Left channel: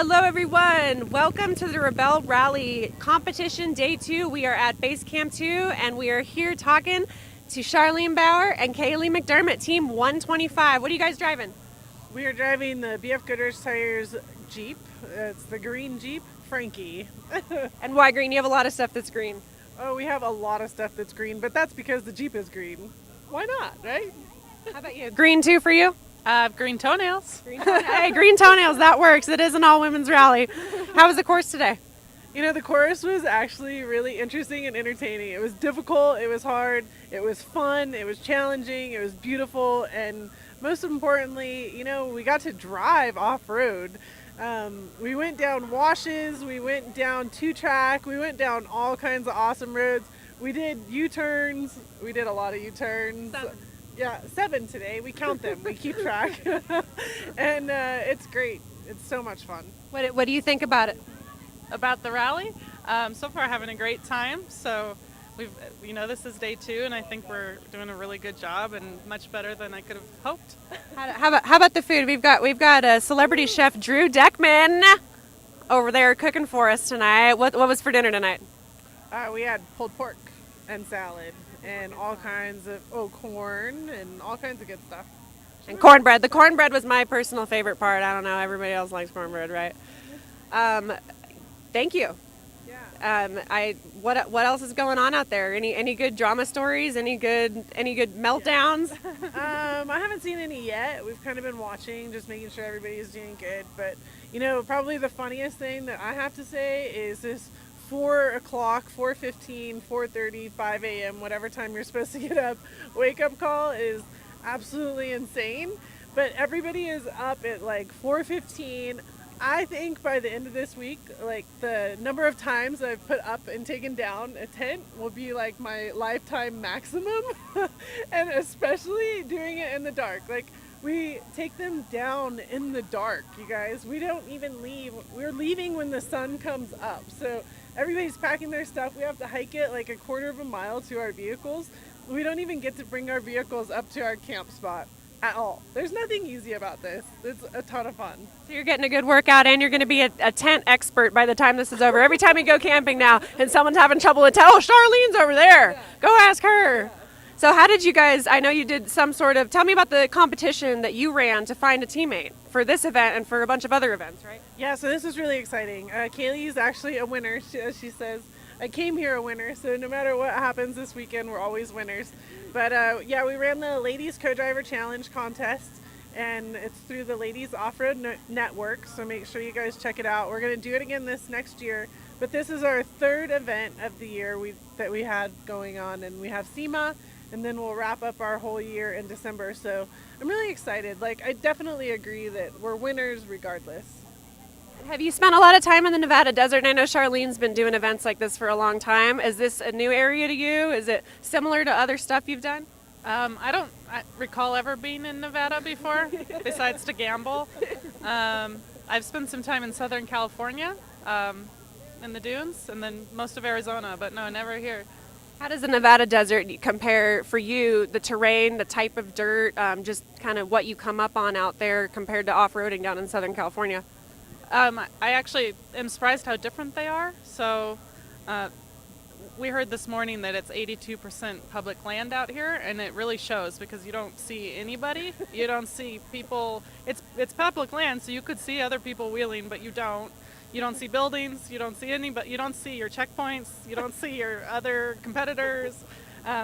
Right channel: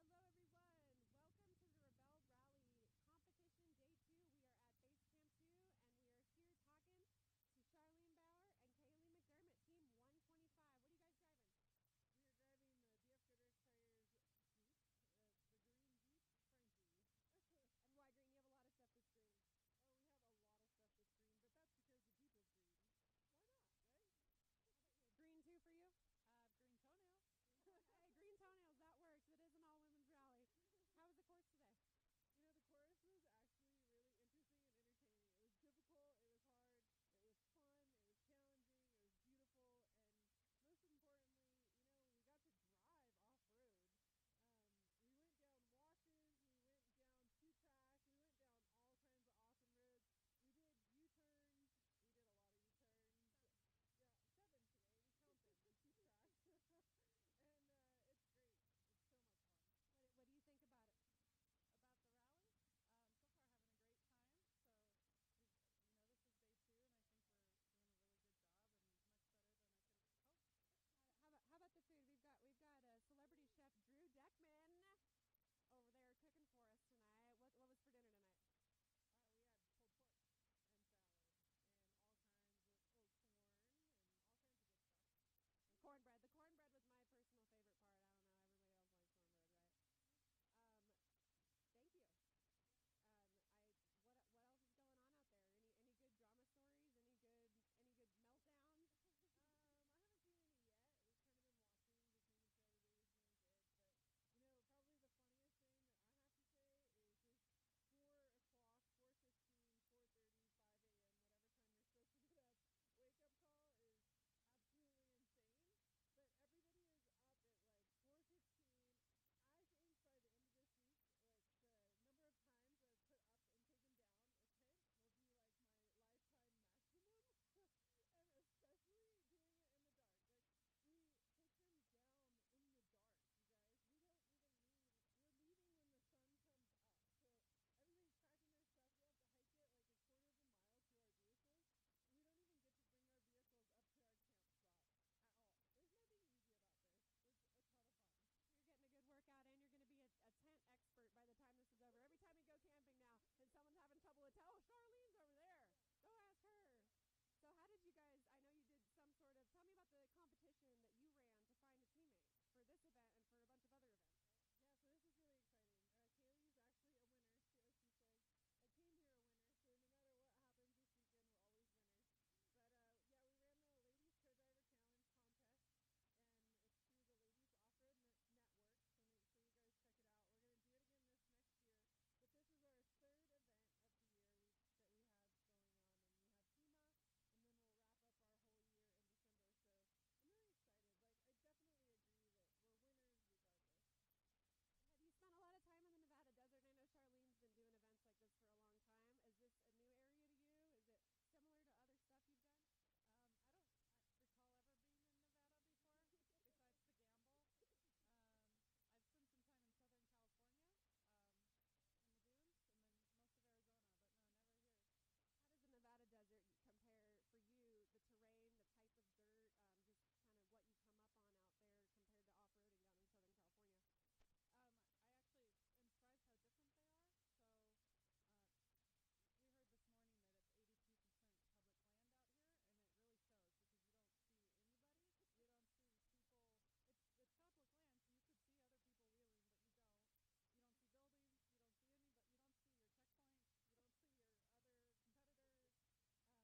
Hello everyone, welcome to the Rebelle Rally Competition Day 2. We are at Base Camp 2 and we are here talking to Charlene Bauer and Kaylee McDermott, Team 125. What are you guys driving? We are driving the BF Goodrich Tires Jeep. It's the green Jeep, Frankie. And why green? You have a lot of stuff that's green. Oh, we have a lot of stuff that's green, but that's because the Jeep is green. Why not, right? How about you? Green too for you? Green toenails. Hey, green toenails, that works. It is an all-women's rally. How was the course today? You know, the course was actually really interesting and entertaining. It was difficult, it was hard, it was fun, it was challenging, it was beautiful, and most importantly, you know, we got to drive off-road. We went down washes, we went down two-track, we went down all kinds of awesome roads. We did U-turns, we did a lot of U-turns. 7 today. We count them. We keep track. And it's great. It's so much fun. What do you think about it? About the rally, so far having a great time. So this is day 2, and I think we're doing a really good job and much better than I could have hoped. How about the food? We've got a celebrity chef Drew Deckman over there cooking for us tonight. What was for dinner tonight? We had pulled pork and salad and all kinds of corn and all kinds of good stuff. And cornbread. The cornbread was my personal favorite part. I don't know. Everybody else likes cornbread, right? Thank you. Yeah. What else is going on out there? Any good drama stories? Any good meltdowns? I haven't seen any yet. We've kind of been watching, just making sure everybody's doing good. But you know, probably the funniest thing that I have to say is this 4 o'clock, 4:15, 4:30, 5 a.m., whatever time you're supposed to get up, wake up call is absolutely insane. But everybody is up at like 4:15. I think by the end of this week, like the number of times I've put up and taken down a tent will be like my lifetime maximum. And especially doing it in the dark. Like we take them down in the dark, you guys. We don't even leave. We're leaving when the sun comes up. So everybody's packing their stuff. We have to hike it like a quarter of a mile to our vehicles. We don't even get to bring our vehicles up to our camp spot at all. There's nothing easy about this. It's a ton of fun. So you're getting a good workout, and you're going to be a tent expert by the time this is over. Every time you go camping now and someone's having trouble with tent, oh, Charlene's over there. Yeah. Go ask her. Yeah. So how did you guys, I know you did some sort of, tell me about the competition that you ran to find a teammate for this event and for a bunch of other events, right? Yeah, so this is really exciting. Kaylee is actually a winner. She says, I came here a winner, so no matter what happens this weekend, we're always winners. But we ran the Ladies Co-Driver Challenge contest, and it's through the Ladies Off-Road Network, so make sure you guys check it out. We're going to do it again this next year, but this is our 3rd event of the year that we had going on, and we have SEMA, and then we'll wrap up our whole year in December. So I'm really excited. Like, I definitely agree that we're winners regardless. Have you spent a lot of time in the Nevada desert? I know Charlene's been doing events like this for a long time. Is this a new area to you? Is it similar to other stuff you've done? I don't recall ever being in Nevada before, besides to gamble. I've spent some time in Southern California, in the dunes, and then most of Arizona, but no, never here. How does the Nevada desert compare for you, the terrain, the type of dirt, just kind of what you come up on out there compared to off-roading down in Southern California? I actually am surprised how different they are. So we heard this morning that it's 82% public land out here, and it really shows because you don't see anybody. You don't see people. It's public land, so you could see other people wheeling, but you don't. You don't see buildings, you don't see anybody, you don't see your checkpoints, you don't see your other competitors.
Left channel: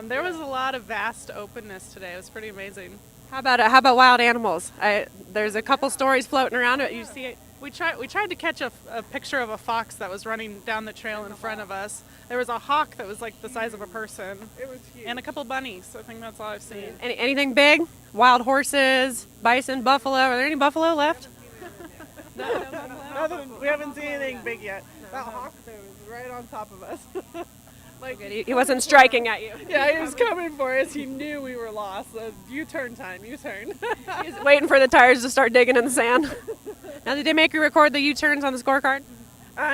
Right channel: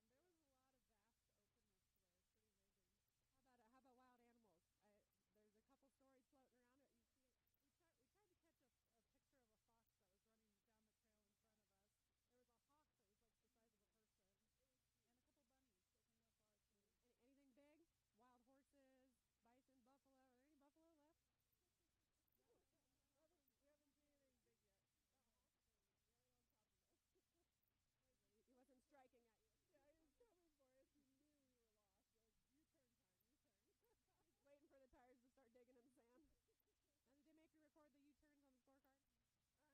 There was a lot of vast openness today. It was pretty amazing. How about wild animals? There's a couple stories floating around. You see it? We tried to catch a picture of a fox that was running down the trail in front of us. There was a hawk that was like the size of a person. It was huge. And a couple bunnies. I think that's all I've seen. Anything big? Wild horses, bison, buffalo? Are there any buffalo left? We haven't seen anything big yet. That hawk though is right on top of us. Like He wasn't striking at you. Yeah, he was coming for us. He knew we were lost. U-turn time, U-turn. He's waiting for the tires to start digging in the sand. Now, did they make you record the U-turns on the scorecard?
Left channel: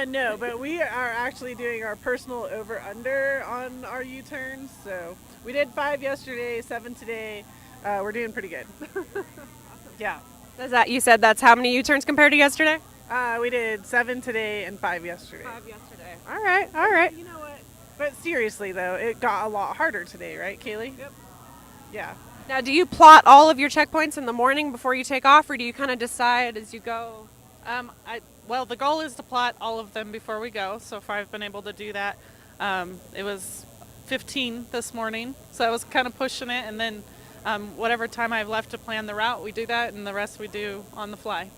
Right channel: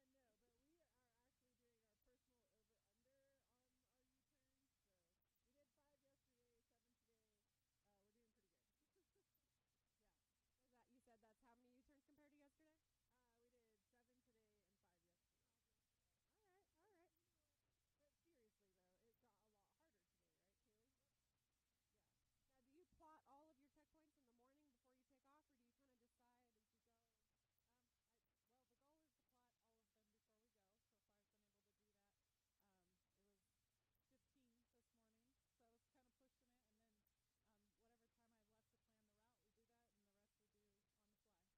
No, but we are actually doing our personal over-under on our U-turns. So we did 5 yesterday, 7 today. We're doing pretty good. Yeah. You said that's how many U-turns compared to yesterday? We did 7 today and 5 yesterday. 5 yesterday. All right, all right. You know what? But seriously, though, it got a lot harder today, right, Kaylee? Yep. Yeah. Now, do you plot all of your checkpoints in the morning before you take off, or do you kind of decide as you go? Well, the goal is to plot all of them before we go. So far, I've been able to do that. It was 15 this morning, so I was kind of pushing it. And then whatever time I have left to plan the route, we do that, and the rest we do on the fly.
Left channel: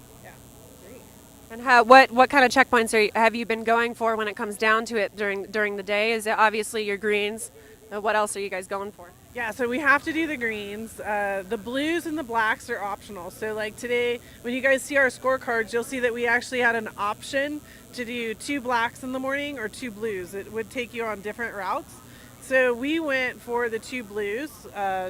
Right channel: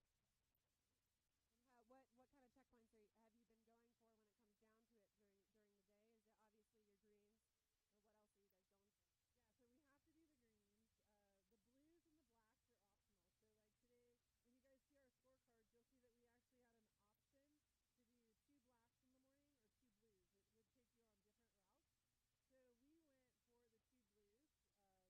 And what kind of checkpoints have you been going for when it comes down to it during the day? Is it obviously your greens? What else are you guys going for? Yeah, so we have to do the greens. The blues and the blacks are optional. So like today, when you guys see our scorecards, you'll see that we actually had an option to do 2 blacks in the morning or 2 blues. It would take you on different routes. So we went for the 2 blues,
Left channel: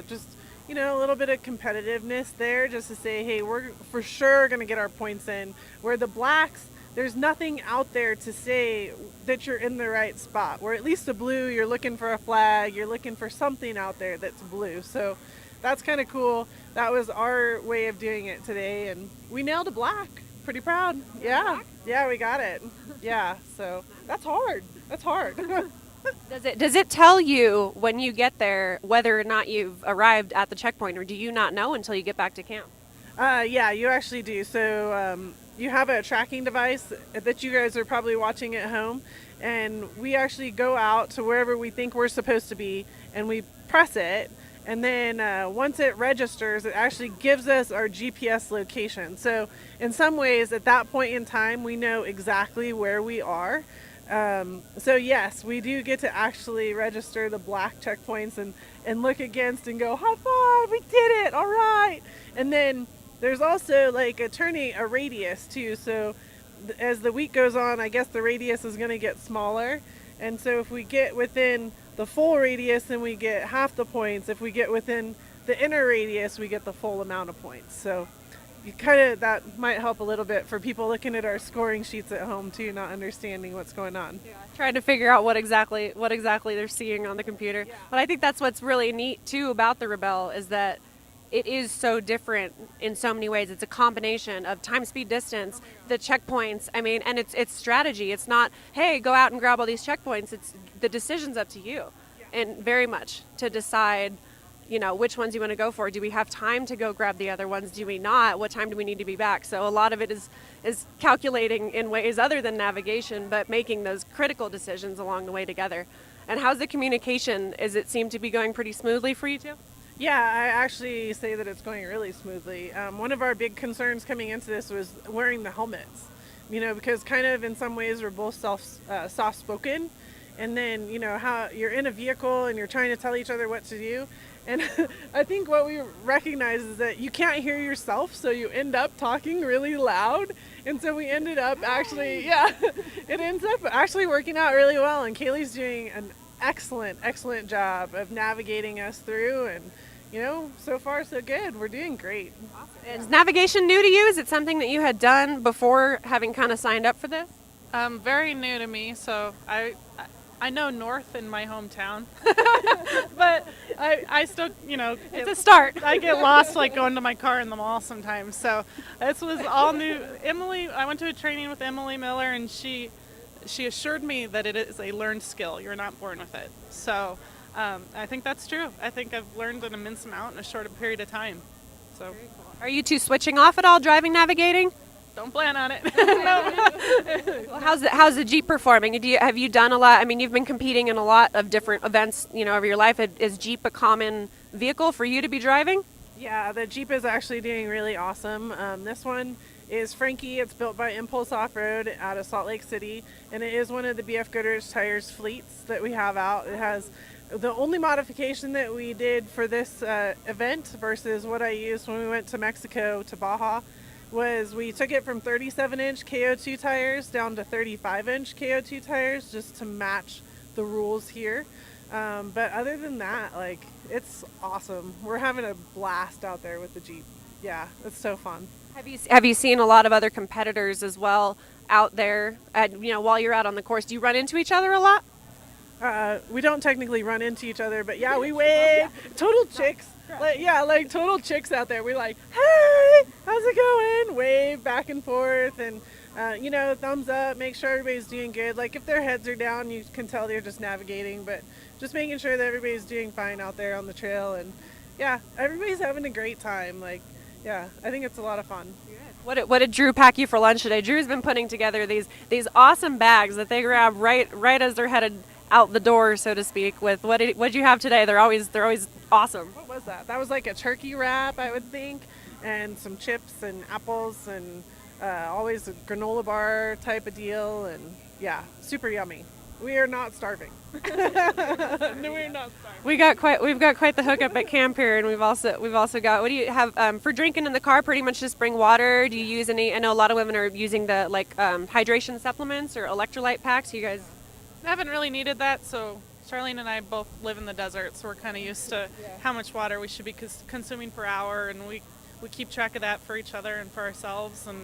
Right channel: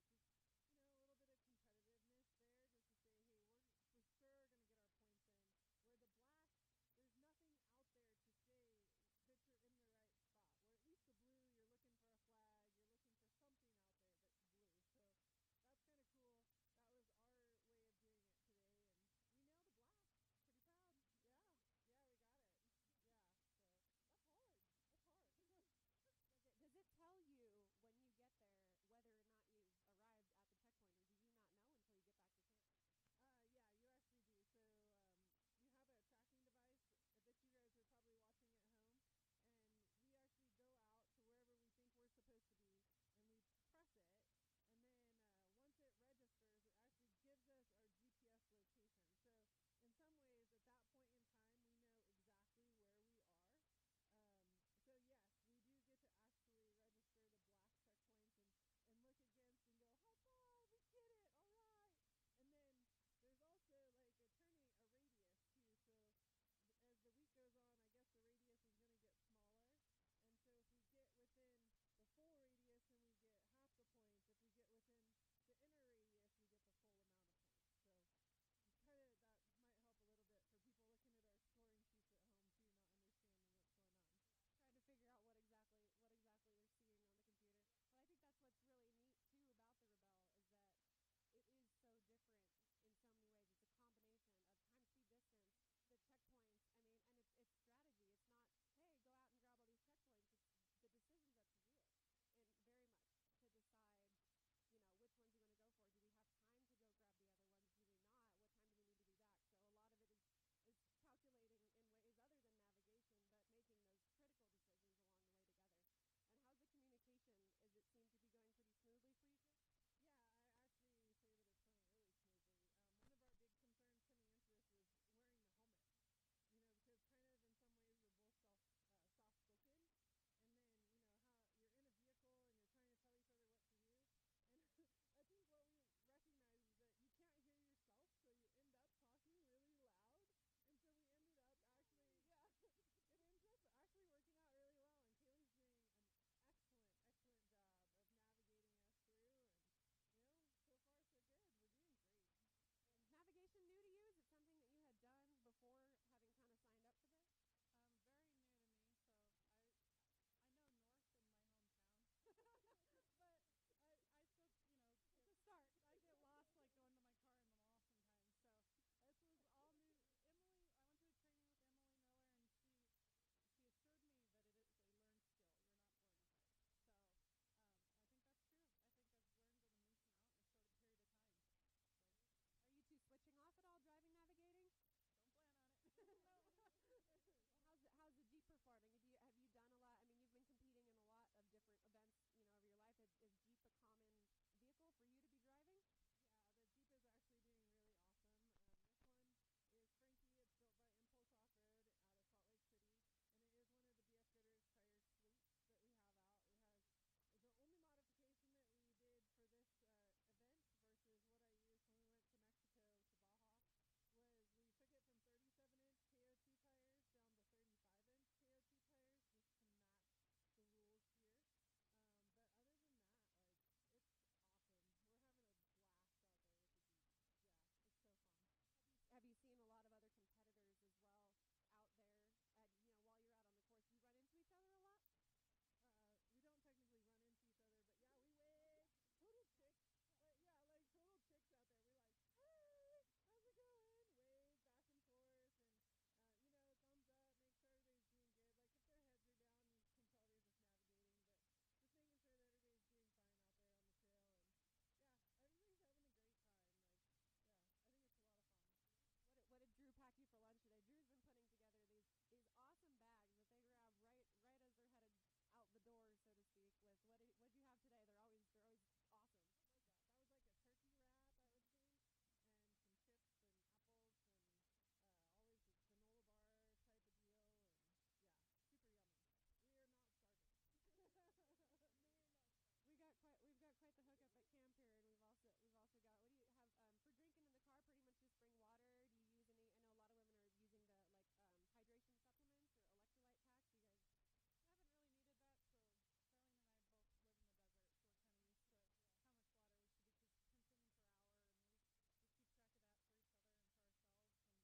just, you know, a little bit of competitiveness there just to say, hey, we're for sure going to get our points in. Where the blacks, there's nothing out there to say that you're in the right spot. Where at least the blue, you're looking for a flag, you're looking for something out there that's blue. So that's kind of cool. That was our way of doing it today, and we nailed a black. Pretty proud. Yeah, yeah, we got it. Yeah, so that's hard. That's hard. Does it tell you when you get there whether or not you've arrived at the checkpoint, or do you not know until you get back to camp? Yeah, you actually do. So you have a tracking device that you guys are probably watching at home, and we actually go out to wherever we think we're supposed to be, and we press it, and then once it registers, it actually gives us our GPS location. So in some ways, at that point in time, we know exactly where we are. So yes, we do get to actually register the black checkpoints and look against and go, high five, we did it, all right. And then there's also like a radius too. So as the week goes on, I guess the radius is going to get smaller. And so if we get within the full radius, then we get half the points. If we get within the inner radius, we get the full amount of points. So that might help a little bit for people looking at our scoring sheets at home too, not understanding what's going on. Yeah. Trying to figure out what exactly they're seeing on the computer. Yeah. But I think that's what's really neat too about the Rebelle is that it is so different in so many ways. It's a combination of time, speed, distance, the checkpoints. I mean, and it's strategy. It's not, hey, go out and grab all these checkpoints. It's the decision's up to you, and very much to decide, you know, which ones you want to go for. Do we have time to go grab the other ones? Do we not? What time do we need to be back? So a lot of it is calculating in ways other than navigation, but making those critical decisions along the way together. And how's the communication? Is it seem to be going pretty smoothly for you two? Yeah, I actually say that it's going really smoothly. One of our big concerns coming into this was wearing the helmets, you know, because kind of in some ways we're both soft-spoken, and then, you know, how you're in a vehicle and you're trying to tell each other what to do. And I think what we recognize is that you can't hear yourself, so you end up talking really loud. And so we ended up actually, it ends up actually working out really well. And Kaylee's doing an excellent job of navigating us through. And, you know, so far so good. We're doing great. Awesome. Is navigation new to you? Is it something that you had done before having kind of signed up for this? Very new to me, so I know north in my hometown, but I still, you know, it's a start. I get lost like going to my car in the mall sometimes. So this was all new. I went to a training with Emily Miller, and she assured me that it is a learned skill. You're not born with it. So I think that's true. I think I've learned an immense amount in a short period of time. So, are you two switching off at all, driving, navigating? Don't plan on it. No. Well, how's the Jeep performing? Have you done a lot? I mean, you've been competing in a lot of different events, you know, over your life. Is Jeep a common vehicle for you to be driving? Yeah, the Jeep is actually doing really awesome. This one is Frankie. It's built by Impulse Off-Road out of Salt Lake City, and it is one of the BF Goodrich Tires fleets that we have out. It has the only modification that we did for this event versus what I used when we went to Mexico to Baja was we took it from 37-inch KO2 tires down to 35-inch KO2 tires just to match the rules here. But other than that, like, it's awesome. We're having a blast out there with the Jeep. Yeah, it's so fun. Have you seen a lot of other competitors as well out there? You know, while you're out on the course, do you run into each other a lot? We don't technically run into each other, but yeah, we wave. Total chicks. Like total chicks out there. We're like, hey, how's it going? Wave back and forth. And thumbs up, make sure everybody's doing good. Like if their heads are down, you can tell they're just navigating, but just making sure that everybody's doing fine out there on the trail. And yeah, everybody's having a great time. Like, yeah, I think it's a lot of fun. What did Drew pack you for lunch today? Drew's been putting together these awesome bags that they grab right as they're headed out the door, so to speak. With what did you have today? They're always awesome. What was that? That was like a turkey wrap, I would think, and some chips and apples and always a granola bar type of deal. And yeah, super yummy. We are not starving. No, we're not starving. We've got quite the hookup at camp here, and we've also got. What do you have for drinking in the car? Pretty much just bring water. Do you use any? I know a lot of women are using the hydration supplements or electrolyte packs. You guys haven't really needed that, so Charlene and I both live in the desert, so we're kind of used to how much water we should be consuming per hour, and we keep track of that for each other and for ourselves, and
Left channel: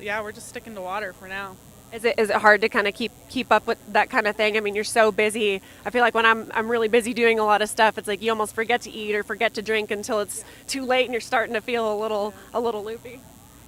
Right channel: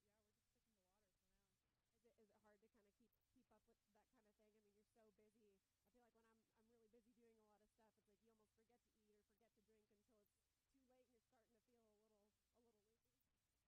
we're just sticking to water for now. Is it hard to kind of keep up with that kind of thing? I mean, you're so busy. I feel like when I'm really busy doing a lot of stuff, it's like you almost forget to eat or forget to drink until it's too late and you're starting to feel a little loopy.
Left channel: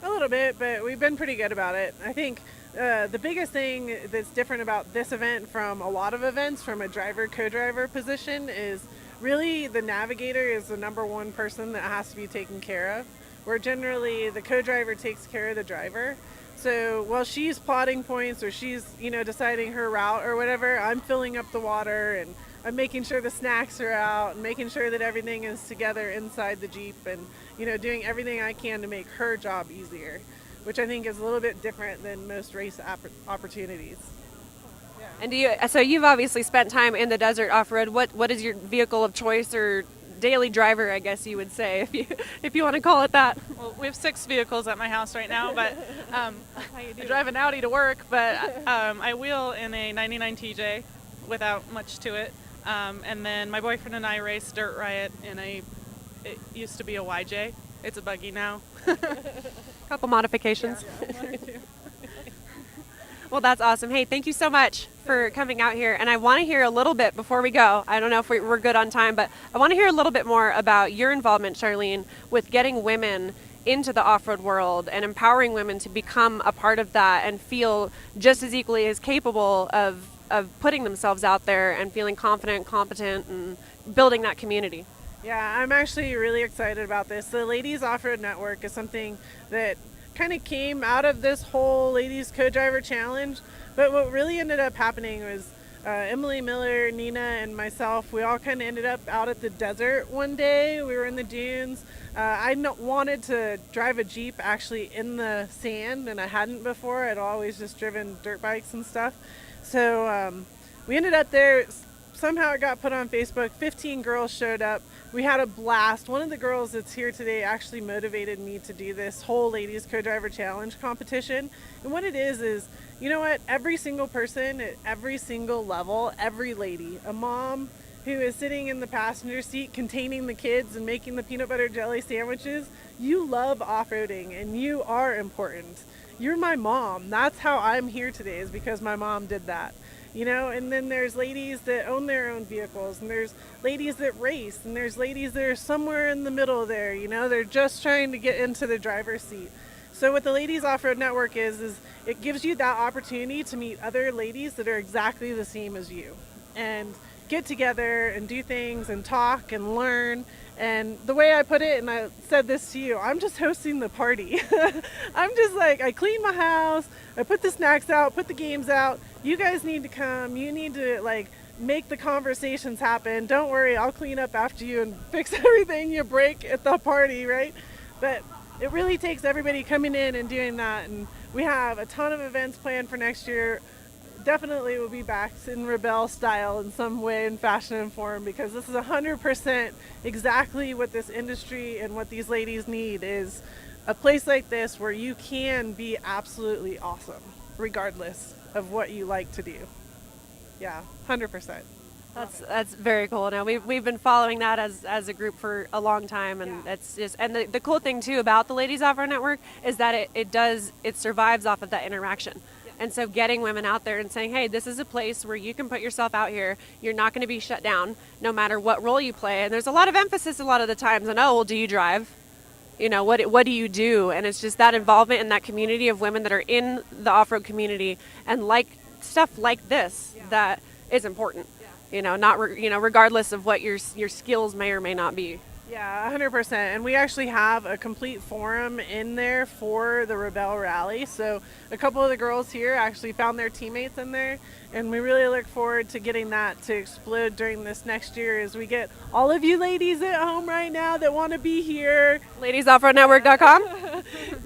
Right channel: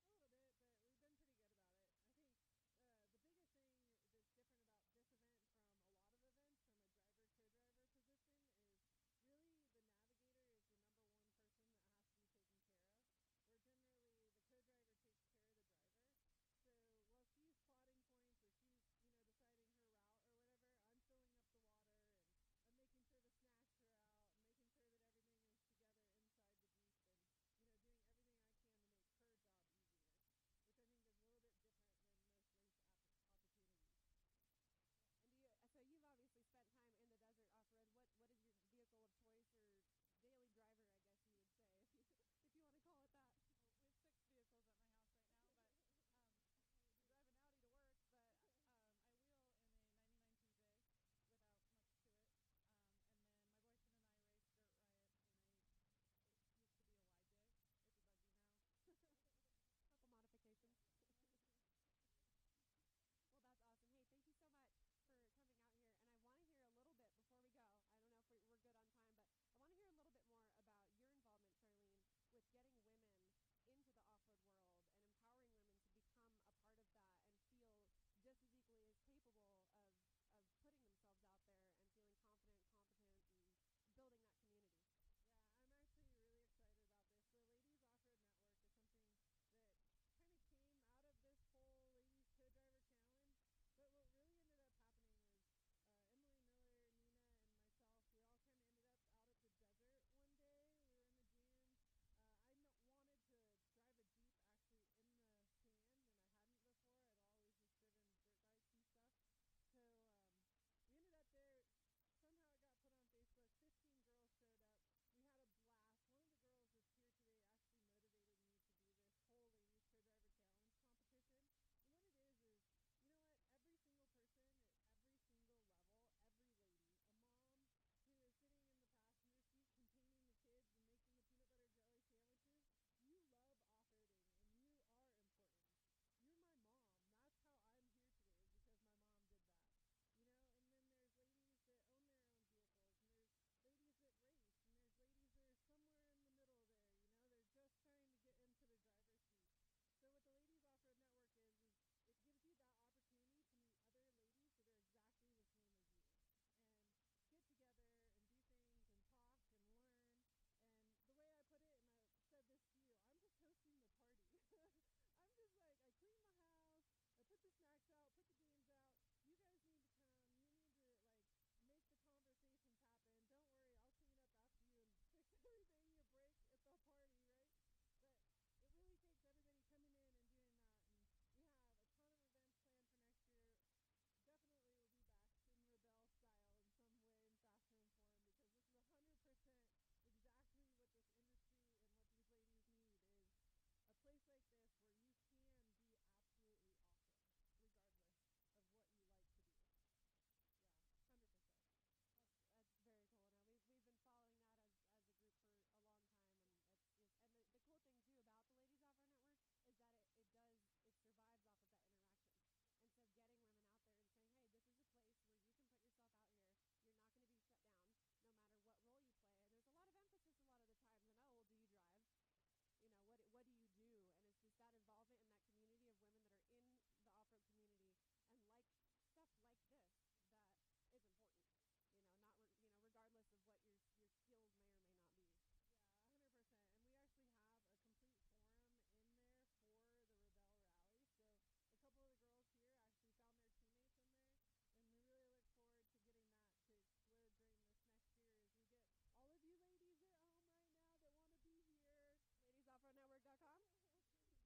A little bit, but we've been pretty good about it. I think the biggest thing that's different about this event from a lot of events from a co-driver position is really the navigator is the number one person that has to be taken care of, where generally the co-driver takes care of the driver. So while she's plotting points or she's, deciding her route or whatever, I'm filling up the water and I'm making sure the snacks are out and making sure that everything is together inside the Jeep and, doing everything I can to make her job easier, which I think is a little bit different than most race opportunities. Yeah. And so you've obviously spent time in the desert off-road. What is your vehicle of choice or daily driver, I guess you would say, if you want to call it that? Well, we have 6 vehicles at my house right now, but I drive an Audi to work, but I wheel in a 99 TJ without much to it. And then my boyfriend and I race Dirt Riot in it used to be a YJ. It's a buggy now. Couple modifications. Yeah. Well, that's awesome. Hey, thank you so much for coming out here. And I want to hear a little bit before we go. I don't know if we're good on time, but I want to hear a little bit more about your involvement, Charlene, with getting women into the off-road world and empowering women to become a part of that and feel just as equally as capable of putting themselves out there and feeling confident, competent, and building that community. Yeah, I'm actually really excited about this. The Ladies Off-Road Network is something that kind of came out of this whole Ladies Co-Driver Challenge, but what really ended up happening was Emily Miller, Nina, and myself, we all kind of ended up out at the desert one day. We were in the dunes. I wanted to drive a Jeep actually in the sand, and I hadn't before. I'd always just driven dirt bikes and stuff. So we ended up there. Somehow it got put on Facebook. 15 girls showed up. We had a blast. One of the girls that's here today actually motivated me to do this whole Ladies Co-Driver Challenge competition. And what it is, you know what? Every single person at every single level, every lady, a mom who is sitting in the passenger seat containing the kids and making the peanut butter jelly sandwiches, you love off-roading and you are important. You're my mom. That's how I'm here today, is because my mom did that. And then there's ladies that own their own vehicles, and there's ladies that race, and there's ladies that are somewhere in the middle there, they're just trying to get into the driver's seat. So what the Ladies Off-Road Network is it gives you that opportunity to meet other ladies that are exactly the same as you and get together and do things and talk and learn. And the way I put it, and I said this to you, I'm just hosting the party. I'm just I clean my house, I put the snacks out, put the games out. You guys need to come. You need to make the conversations happen. Don't worry, I'll clean up after you and fix everything you break at the party, right? But it really takes everybody coming in and doing that. And we have a ton of events planned for next year. Definitely will be back in Rebelle style in some way and fashion and form, because this is 100% exactly what this industry and what these ladies need, is a place like this where you can be absolutely awesome regardless of what you like to do. Yeah, 100%. That's very cool. Now we've been following that as a group for a long time, and it's just, and the cool thing too about the Ladies Off-Road Network is that it survives off of that interaction. And so getting women out there and saying, hey, this is a place where you can put yourself out here. You're not going to be shut down no matter what role you play. And there's a lot of emphasis a lot of the times on, oh, well, do you drive? you know, what do you do? And it's just that involvement in that community of women that are in the off-road community and like stuff like this that is important. You know, not regardless of what your skills may or may not be. Yeah, 100%. And we actually have a complete forum in there for the Rebelle Rally. So a couple of the girls here actually found their teammates in there. And we really look forward to getting that to explode during this next year as we get all of you ladies at home right now that want to be here. LadiesOffroadNetwork.com.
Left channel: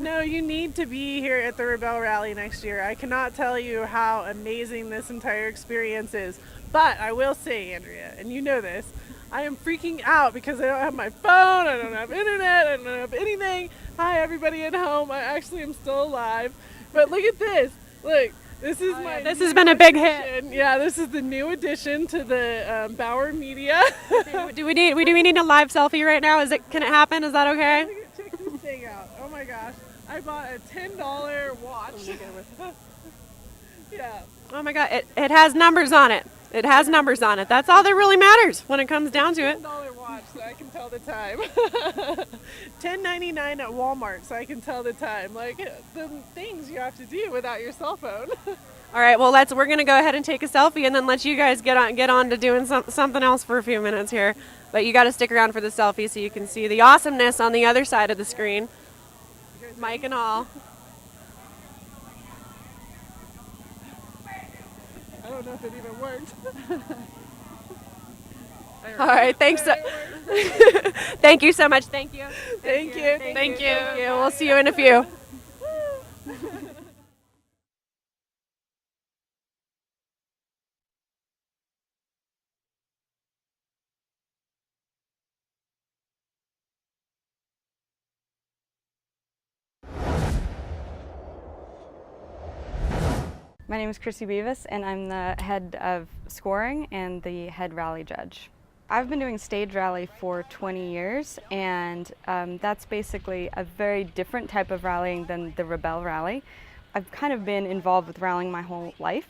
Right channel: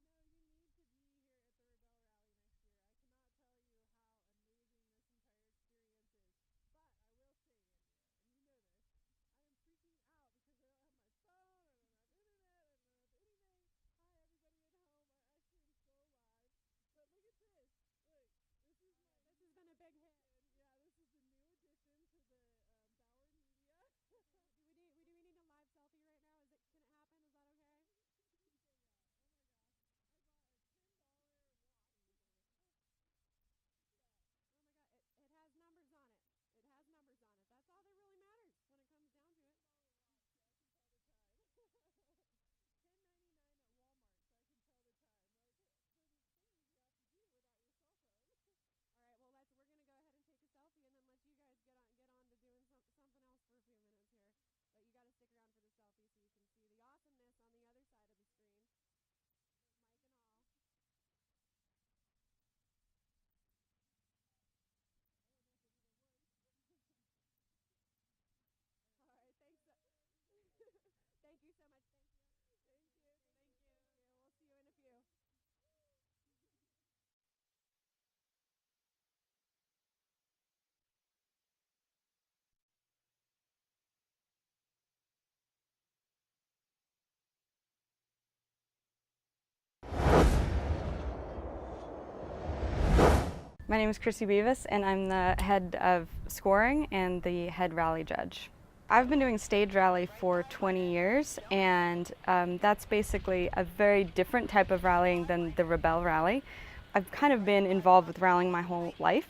No, you need to be here at the Rebelle Rally next year. I cannot tell you how amazing this entire experience is. But I will say, Andrea, and you know this, I am freaking out because I don't have my phone, I don't have internet, I don't have anything. Hi, everybody at home. I actually am still alive. But look at this. Look, this is This has been a big hit. Yeah, this is the new addition to the Bauer Media. do we need a live selfie right now? Can it happen? Is that okay? Check this thing out. Oh my gosh. I bought a $10 watch. Yeah. Oh my God, it has numbers on it. It has numbers on it. That's all that really matters when it comes down to it. $10 watch so I can tell the time. $10.99 at Walmart so I can tell the time. Like the things you have to do without your cell phone. All right, well we're gonna go ahead and take a selfie and then let you guys get on to doing something else for a few minutes here. But you got to stick around for the selfie so you can see the awesomeness on the other side of the screen. Mike and all. I don't know if it even worked. All right, thanks. Thank you so much. Thank you. Thank you. Thank you. We'll see you in a few. My name is Chrissy Beavis, and I'm the head of scoring and the head rally judge. I've been doing stage rally for 20 years, and that's basically a very different type of rallying than the Rebelle rally. I've kind of been involved with rallying my whole life.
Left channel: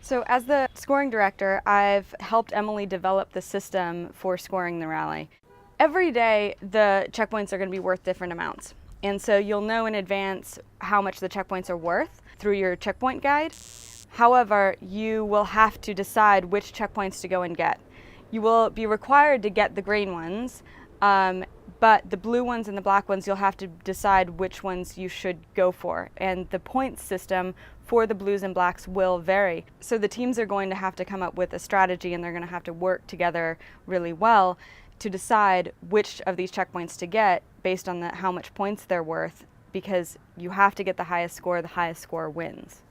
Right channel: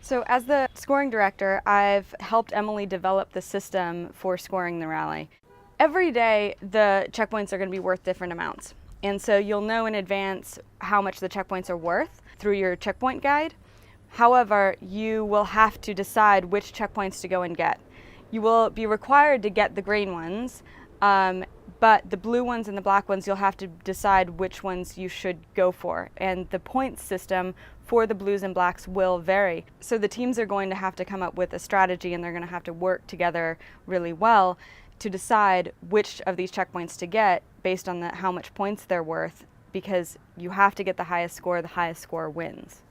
So as the scoring director, I've helped Emily develop the system for scoring the rally. Every day, the checkpoints are going to be worth different amounts. And so you'll know in advance how much the checkpoints are worth through your checkpoint guide. However, you will have to decide which checkpoints to go and get. You will be required to get the green ones, but the blue ones and the black ones, you'll have to decide which ones you should go for. And the point system for the blues and blacks will vary. So the teams are going to have to come up with a strategy, and they're going to have to work together really well to decide which of these checkpoints to get based on how much points they're worth, because you have to get the highest score wins.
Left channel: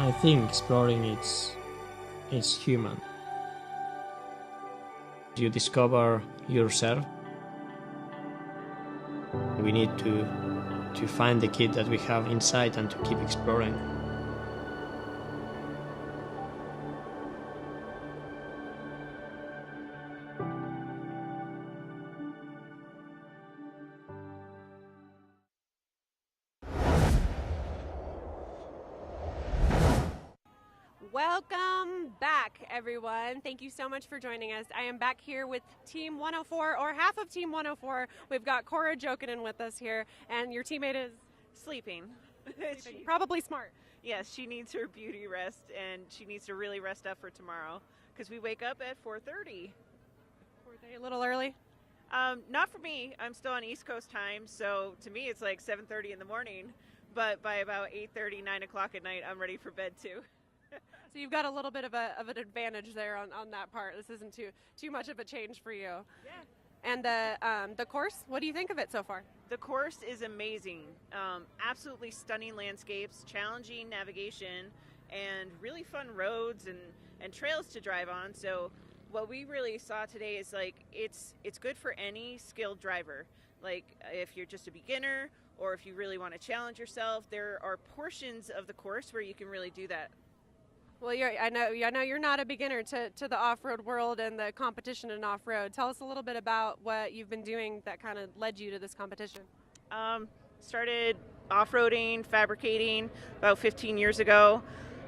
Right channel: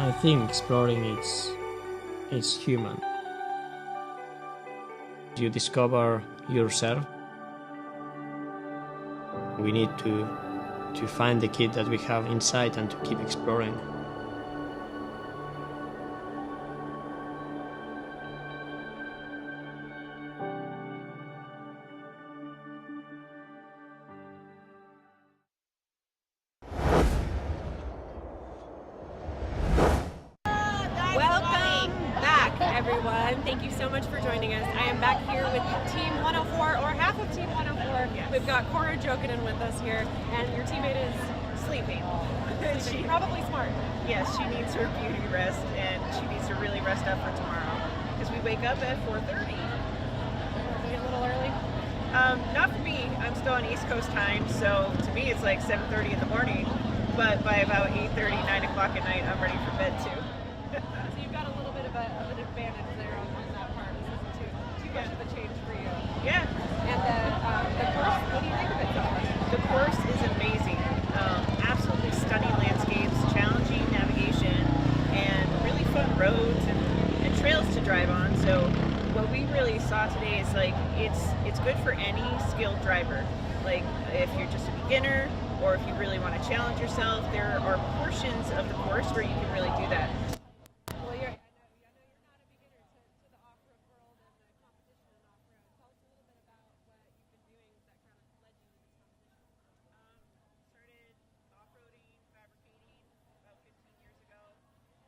I think exploring is human. You discover yourself. We need to find the kid that we have inside and to keep exploring. Welcome back, everyone. Thank you so much for joining us. I am back here with Team 104, or half of Team 104. We've got Cora Jokinen with us here, and your teammate is Sleeping. she's probably smart. Yes, she needs her beauty rest, and she needs to really rest up for tomorrow because we wake up at 4:30. A little early. Not for me. I'm still on East Coast time, so to me it's like 7:30 in the morning. But by about 8:30, 9 o'clock at night, I'm ready for bed too. So you've got a little bit of an advantage there on that part. This isn't too much of a change for you. Yeah. And the course, what do you think of it so far? The course is amazing. Absolutely stunning landscapes, challenging navigation. roads and trails to drive on. So what we really saw today is like it's good for any skilled driver. Like if you're just a beginner or if you really want to challenge yourself, there are portions of the course where you can really do that. Well, I know you're not a beginner to the off-road world and the competition in off-road. Tell us a little bit about what you've been doing that kind of led you to this competition. Started off-roading, fabricating about 15 years ago.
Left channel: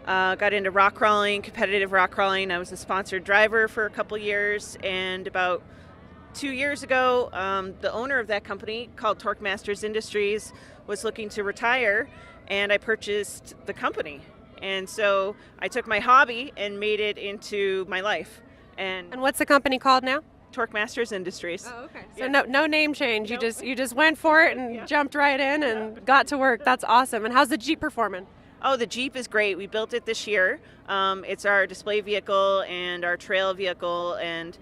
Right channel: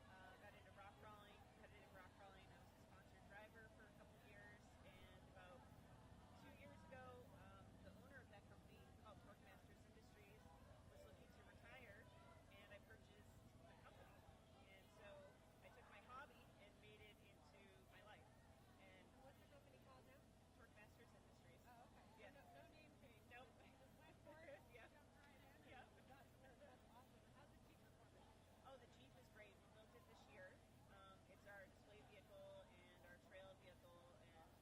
Got into rock crawling, competitive rock crawling. I was a sponsored driver for a couple years, and about 2 years ago, the owner of that company, called Torque Masters Industries, was looking to retire, and I purchased the company. And so I took my hobby and made it into my life. And what's the company called now? Torque Masters Industries. Oh, okay. So Yeah. no name change. Nope. You just went for it and Yeah. jumped right in and got to work. That's awesome. And how's the Jeep performing? Oh, the Jeep is great. We built it this year. It's our display vehicle and our trail vehicle, and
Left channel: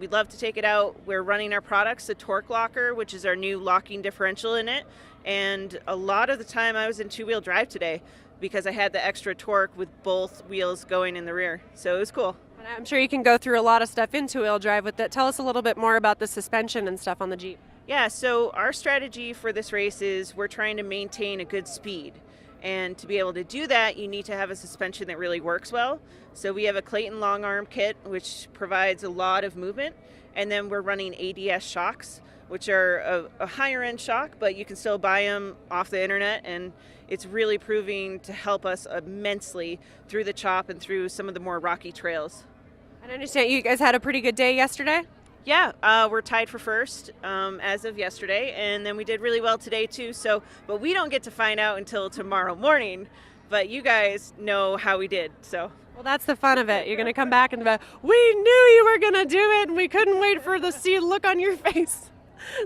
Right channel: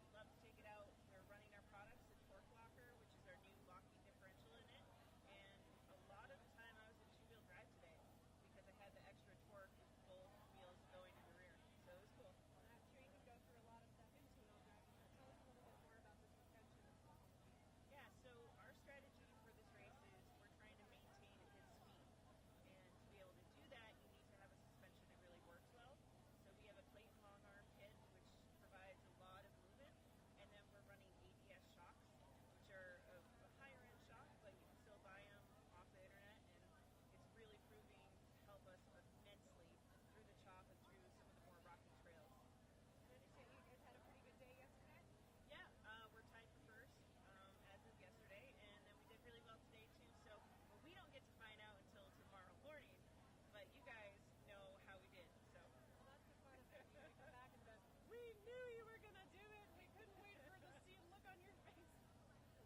we'd love to take it out. We're running our products, the Torque Locker, which is our new locking differential in it. And a lot of the time I was in two-wheel drive today because I had the extra torque with both wheels going in the rear. So it was cool. And I'm sure you can go through a lot of stuff in two-wheel drive with that. Tell us a little bit more about the suspension and stuff on the Jeep. Yeah, so our strategy for this race is we're trying to maintain a good speed. And to be able to do that, you need to have a suspension that really works well. So we have a Clayton long arm kit, which provides a lot of movement. And then we're running ADS shocks, which are a higher end shock, but you can still buy them off the internet. And it's really proving to help us immensely through the chop and through some of the more rocky trails. And I understand you guys had a pretty good day yesterday. Yeah, we're tied for first as of yesterday, and then we did really well today too. So, but we don't get to find out until tomorrow morning. But you guys know how we did. So. Well, that's the fun of it. You're going to come back and be, we knew you were going to do it, and we couldn't wait for the see look on your face.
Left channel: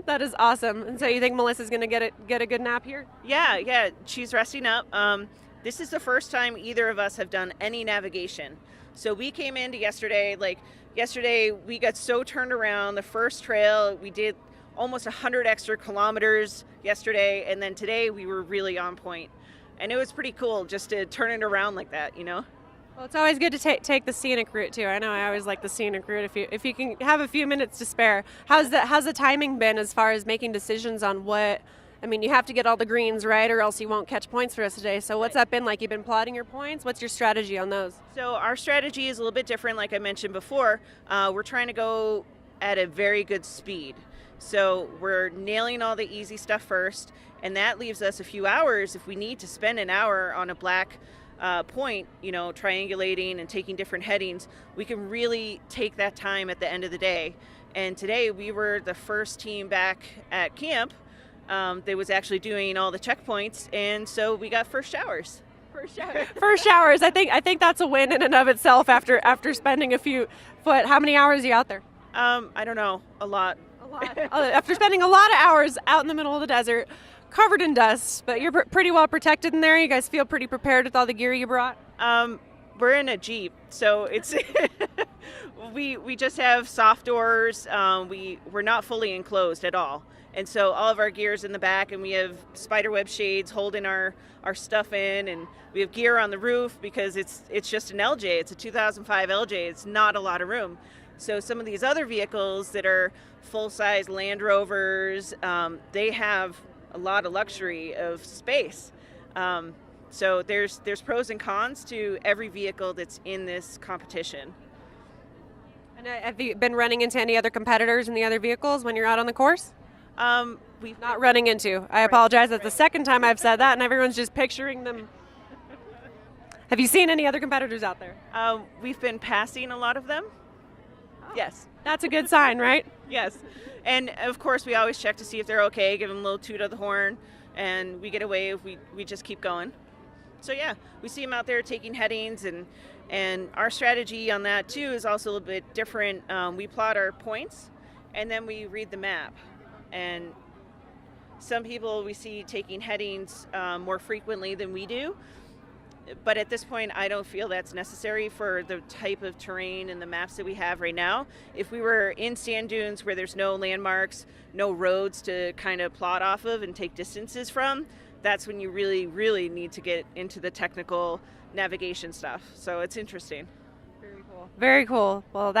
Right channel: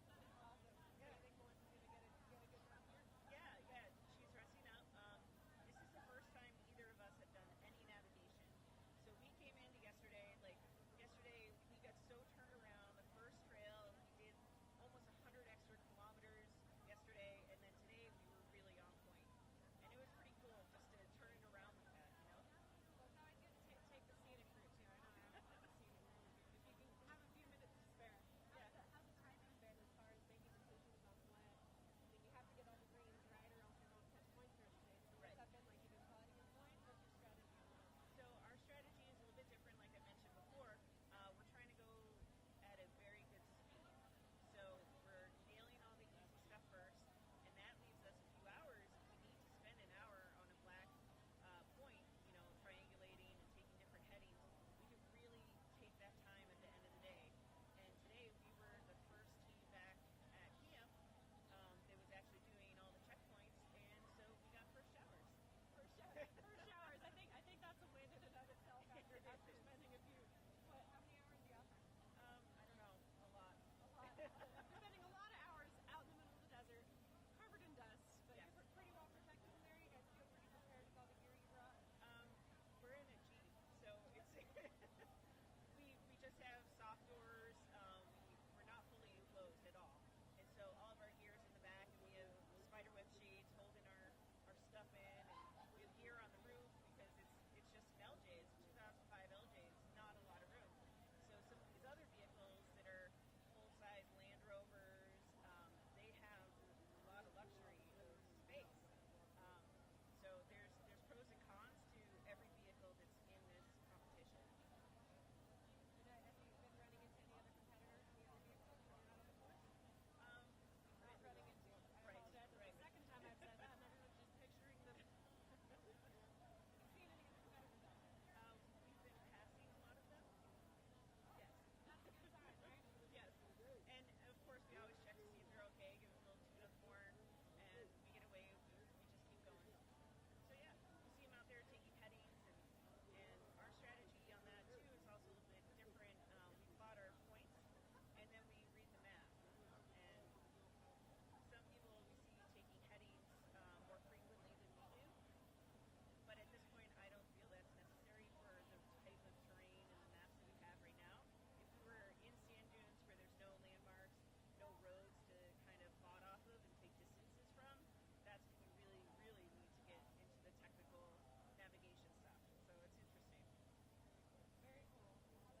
That is awesome. And so you think Melissa's going to get a good nap here? Yeah, she's resting up. This is the first time either of us have done any navigation. So we came into yesterday, we got so turned around. The first trail, we did almost 100 extra kilometers yesterday, and then today we were really on point. And it was pretty cool just to turn it around like that, you know? Well, it's always good to take the scenic route too. I know I always like the scenic route if you can have a few minutes to spare. How's the timing been as far as making decisions on what? I mean, you have to get all the greens right or else you won't catch points for us today. So what's that been like? You've been plotting your points? What's your strategy on those? So our strategy is a little bit different, like I mentioned before. We're trying to go at a very good speed. So we're nailing all the easy stuff first, and that leaves us a few hours if we need to spend an hour on a black point, you know, triangulating and taking different headings. We can really take that time at the end of the day. And today we were the first team back at camp. They was actually doing all the checkpoints, and so we got first showers. First showers. I think that's a win in and of itself after spending a few. But how many hours are you out there? I don't know, a lot. After spending a lot of hours out in the middle of the desert, covered in dust, but you're pretty well protected in there. You guys feel pretty prepared with all the gear you brought? We're in a Jeep, so it's we just have soft doors. We're not fully enclosed at all. And so all of our gear is in the back, and we have spiderweb shades holding our stuff in, and we have gear on the roof because it's just an LJ. It's a 2005 LJ. It's not a lot of room. So some of these other vehicles that are full-size Land Rovers, they have a lot of luxury of space. So there's pros and cons to every vehicle that's in this competition. And have you been running into any other competitors in the other vehicles when you're out on the course? We've Not running into. I apologize. That's the second time I've said that, and everyone's just picturing them. Have you seen any other competitors out there? we've been passing a lot of them. Yes. That's a good sign, right? Yes. And of course we always check to see if they're okay, give them a little toot of the horn, and we get away if we just keep going. So yeah, we see them out there taking headings, and our strategy on that too is also a little bit different. We plot our points, and then we read the map. And some people we see taking headings more frequently than we do. But at this point, I don't feel that's necessary for the type of terrain and the maps that we have right now. If we were in sand dunes where there's no landmarks, no roads to kind of plot off of and take distances from, that's when you really, really need to get into the technical navigation stuff. So it's interesting. Very cool. Well,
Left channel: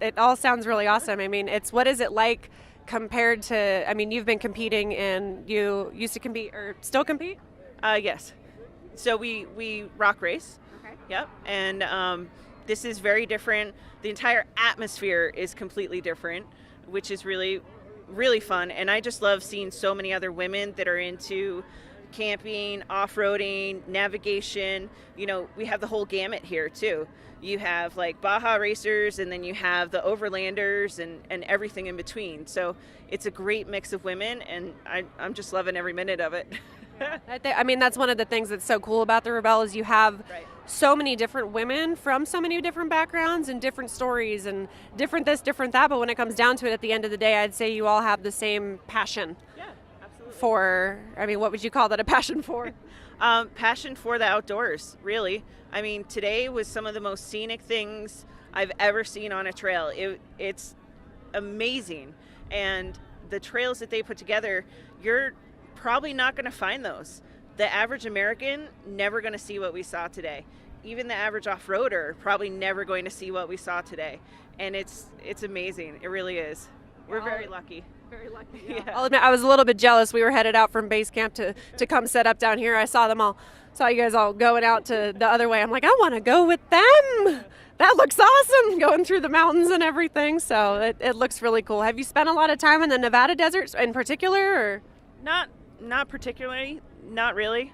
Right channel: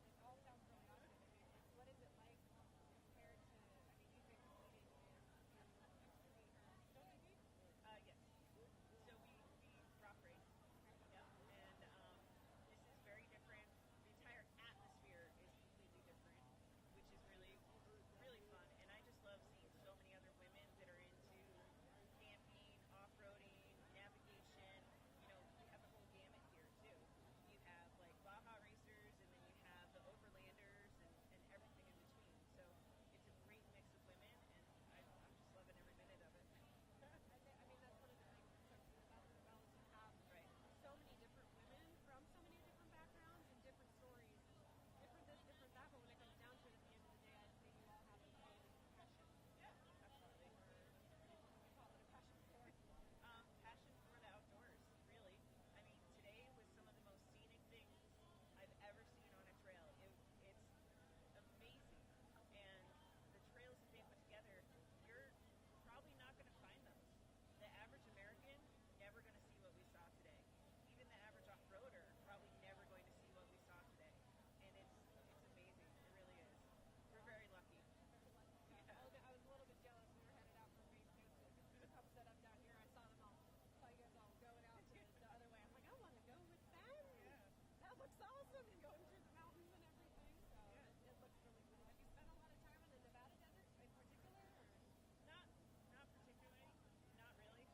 it all sounds really awesome. I mean, what is it like compared to, I mean, you've been competing and you used to compete or still compete? Yes. So we rock race. Okay. Yep. And this is very different. The entire atmosphere is completely different, which is really, really fun. And I just love seeing so many other women that are into camping, off-roading, navigation. You know, we have the whole gamut here too. You have like Baja racers, and then you have the overlanders and everything in between. So it's a great mix of women, and I'm just loving every minute of it. I mean, that's one of the things that's so cool about the Rebelle is you have Right. so many different women from so many different backgrounds and different stories and different this, different that. But when it comes down to it, at the end of the day, I'd say you all have the same passion Yeah, absolutely. for, I mean, what would you call that a passion for? Passion for the outdoors, really. I mean, today was some of the most scenic things I've ever seen on a trail. It's amazing. And the trails that they put together, you're probably not going to find those. The average American never going to see what we saw today. Even the average off-roader probably never going to see what we saw today. And it's amazing. It really is. We're very lucky. Very lucky. Yeah. I'll admit, I was a little bit jealous. We were headed out from base camp to come set up down here. I saw you guys all going out to the other way. I'm like, I want to go with them. That looks awesome, going through the mountains and everything. So it looks really cool. Have you spent a lot of time in the Nevada deserts in particular? Or? Not particularly, not really.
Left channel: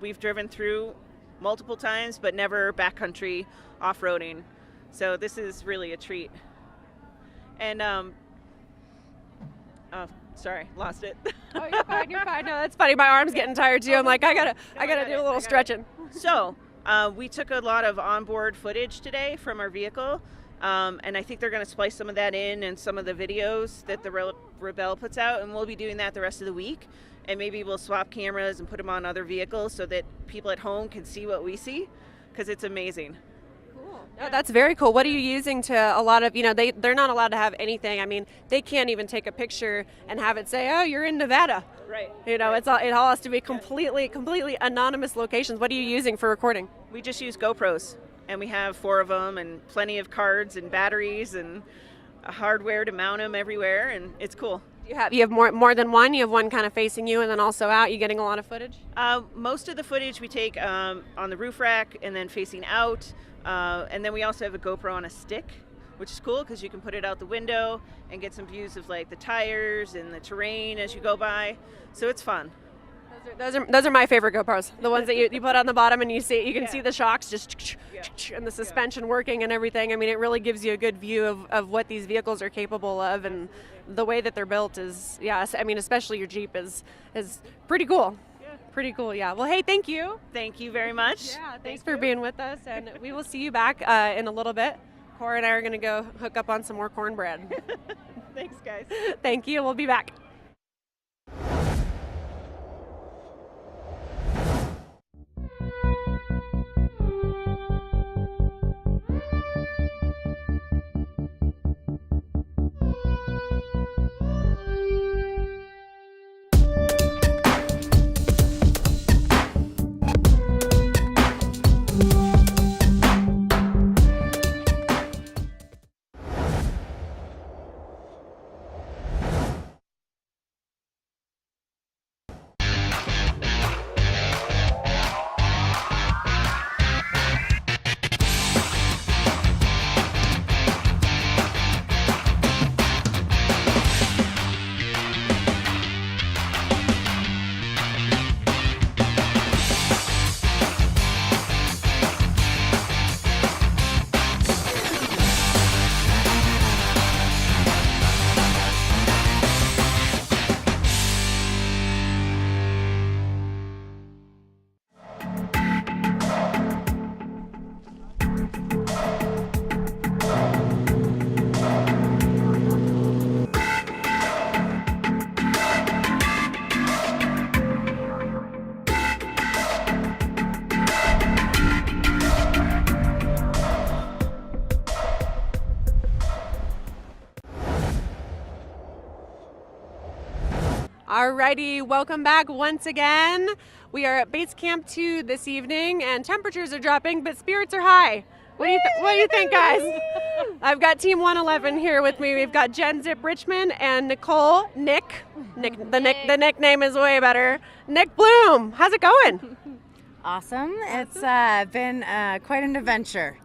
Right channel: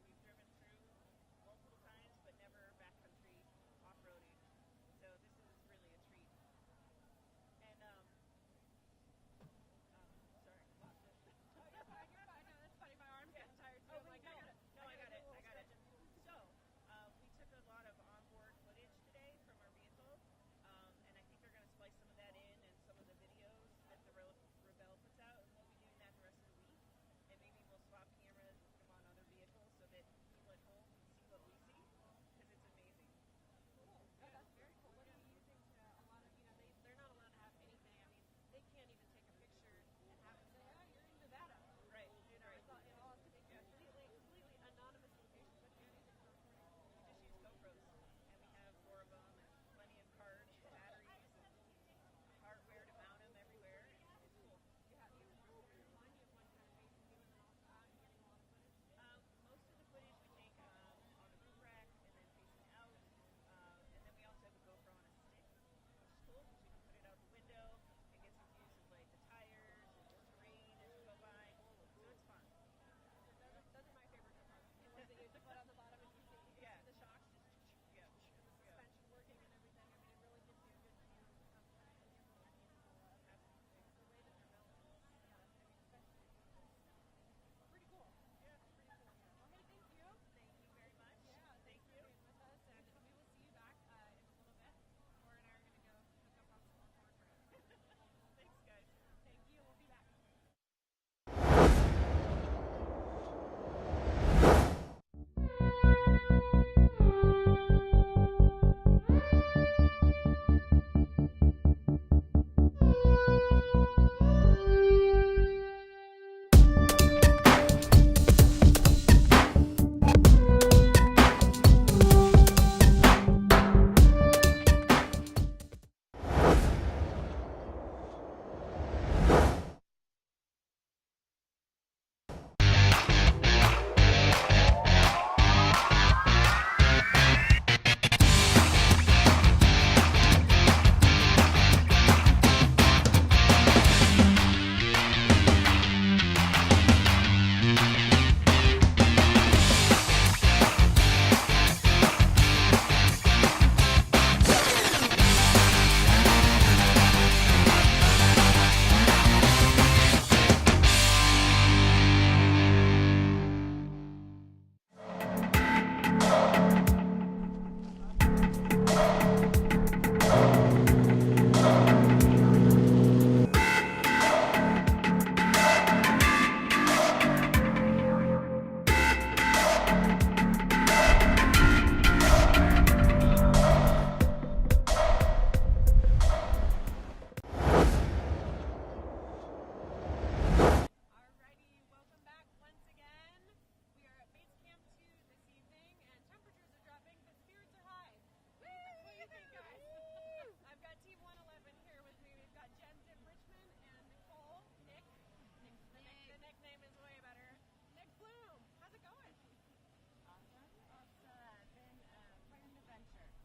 We've driven through multiple times, but never backcountry off-roading. So this is really a treat. And oh, sorry, lost it. Oh, you're fine. You're fine. No, that's funny. My arm's getting tired too. I'm like, I gotta do a little stretching. So we took a lot of onboard footage today from our vehicle, and I think they're going to splice some of that in and some of the videos that the Rebelle puts out, and we'll be doing that the rest of the week. And maybe we'll swap cameras and put them on other vehicles so that people at home can see what we see, because it's amazing. Oh, that's very cool. What are you using to a lot of, they're not allowed to have anything. I mean, they can't even take a picture and have it say, oh, you're in Nevada. Right. It all has to be completely anonymous locations. What are you using for recording? We just use GoPros, and we have 4 of them and plenty of cards and batteries and hardware to mount them everywhere, and it's cool. You have more than one? You have one kind of facing you and then also out? You getting a lot of footage? Most of the footage we take on the roof rack and then facing out, and then we also have a GoPro on a stick, which is cool because you can put it out the window and get some views of like the tires and the terrain as you go by. So it's fun. Those are my favorite GoPros. The ones that you put on the bottom and you can see the shocks just and the suspension working and everything. I mean, it really gives you a good view of what these vehicles are capable of, and the way that they're built is, I mean, especially your Jeep is pretty cool. Pretty cool, yeah. Well, hey, thank you. Thank you very much. Yeah, thanks for being with us, and we will see you back in a little bit. Cora and I are going to go hook up on some more cornbread. Thanks, guys. Thank you. We'll be back. Alrighty, welcome back once again. We are at Base Camp 2 this evening, and temperatures are dropping, but spirits are high. What do you think, guys? I've got Team 111 here with me. We've got Jen Zip Richmond and Nicole Nick. The nickname is way better. Nick Bloom. How's it going? Awesome. It's been quite an adventure.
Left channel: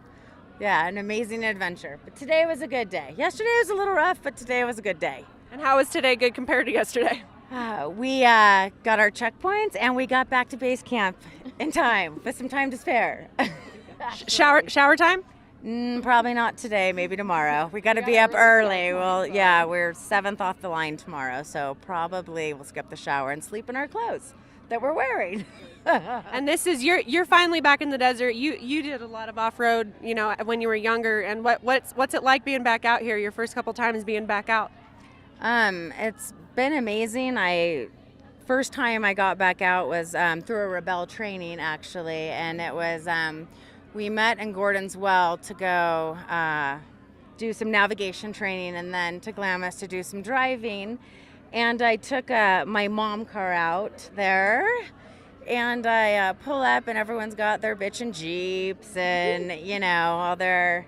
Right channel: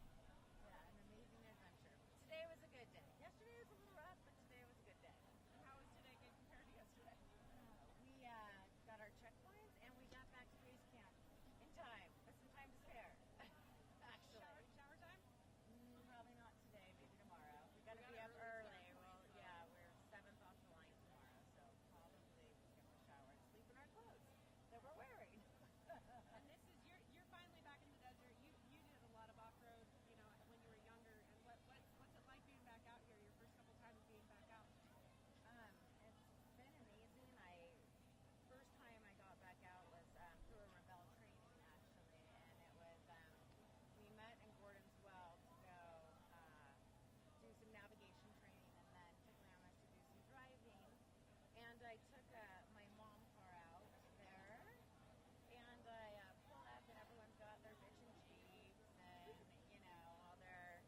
Yeah, an amazing adventure. But today was a good day. Yesterday was a little rough, but today was a good day. And how was today good compared to yesterday? We got our checkpoints and we got back to base camp in time with some time to spare. Shower time? Probably not today, maybe tomorrow. We got to be up early. Well, yeah, we're 7th off the line tomorrow, so probably we'll skip the shower and sleep in our clothes that we're wearing. And this is you're finally back in the desert. You did a lot of off-road, when you were younger. And what's it like being back out here? Your first couple times being back out? It's been amazing. First time I got back out was through a Rebelle training actually, and it was we met in Gordon's Well to go do some navigation training, and then to Glamis to do some driving. And I took my mom car out there. And I pull up, and everyone's got their bitchin' Jeeps and, all their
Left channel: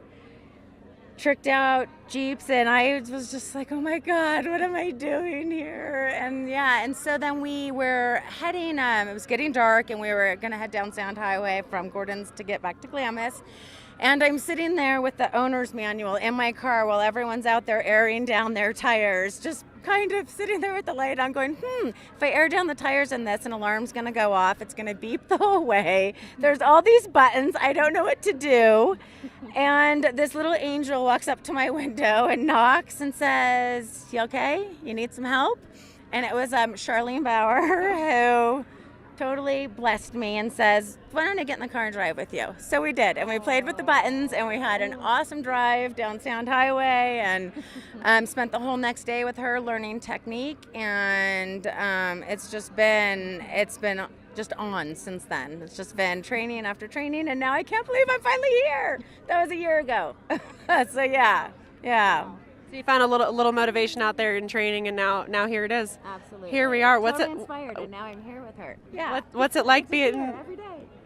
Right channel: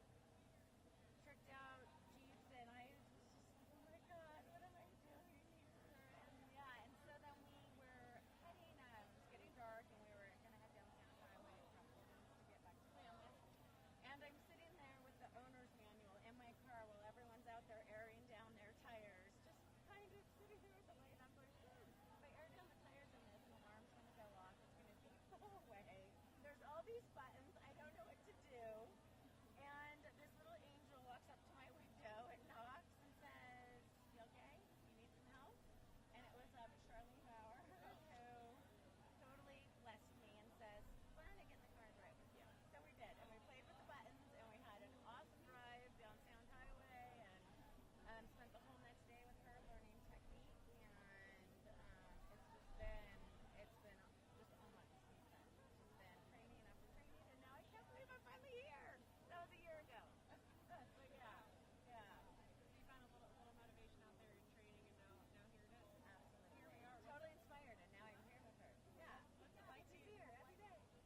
tricked out Jeeps. And I was just like, oh my God, what am I doing here? And so then we were heading, it was getting dark, and we were going to head down Sound Highway from Gordon's to get back to Glamis. And I'm sitting there with the owner's manual in my car while everyone's out there airing down their tires, just kind of sitting there with the light on going, if I air down the tires in this, an alarm's going to go off. It's going to beep the whole way. There's all these buttons. I don't know what to do. And this little angel walks up to my window and knocks and says, you okay? You need some help? And it was Charlene Bauer who totally blessed me and says, why don't I get in the car and drive with you? So we did, and we played with the buttons, and we had an awesome drive down Sound Highway, and spent the whole next day with her learning technique, and it's been just on since then. It's just been training after training, and now I can't believe I'm finally here. That was a year ago. So yeah. So you found a little motivation out there in training, and now here it is. Absolutely. Here we are. Totally inspired, and now I'm here with her. Yeah. What's it like being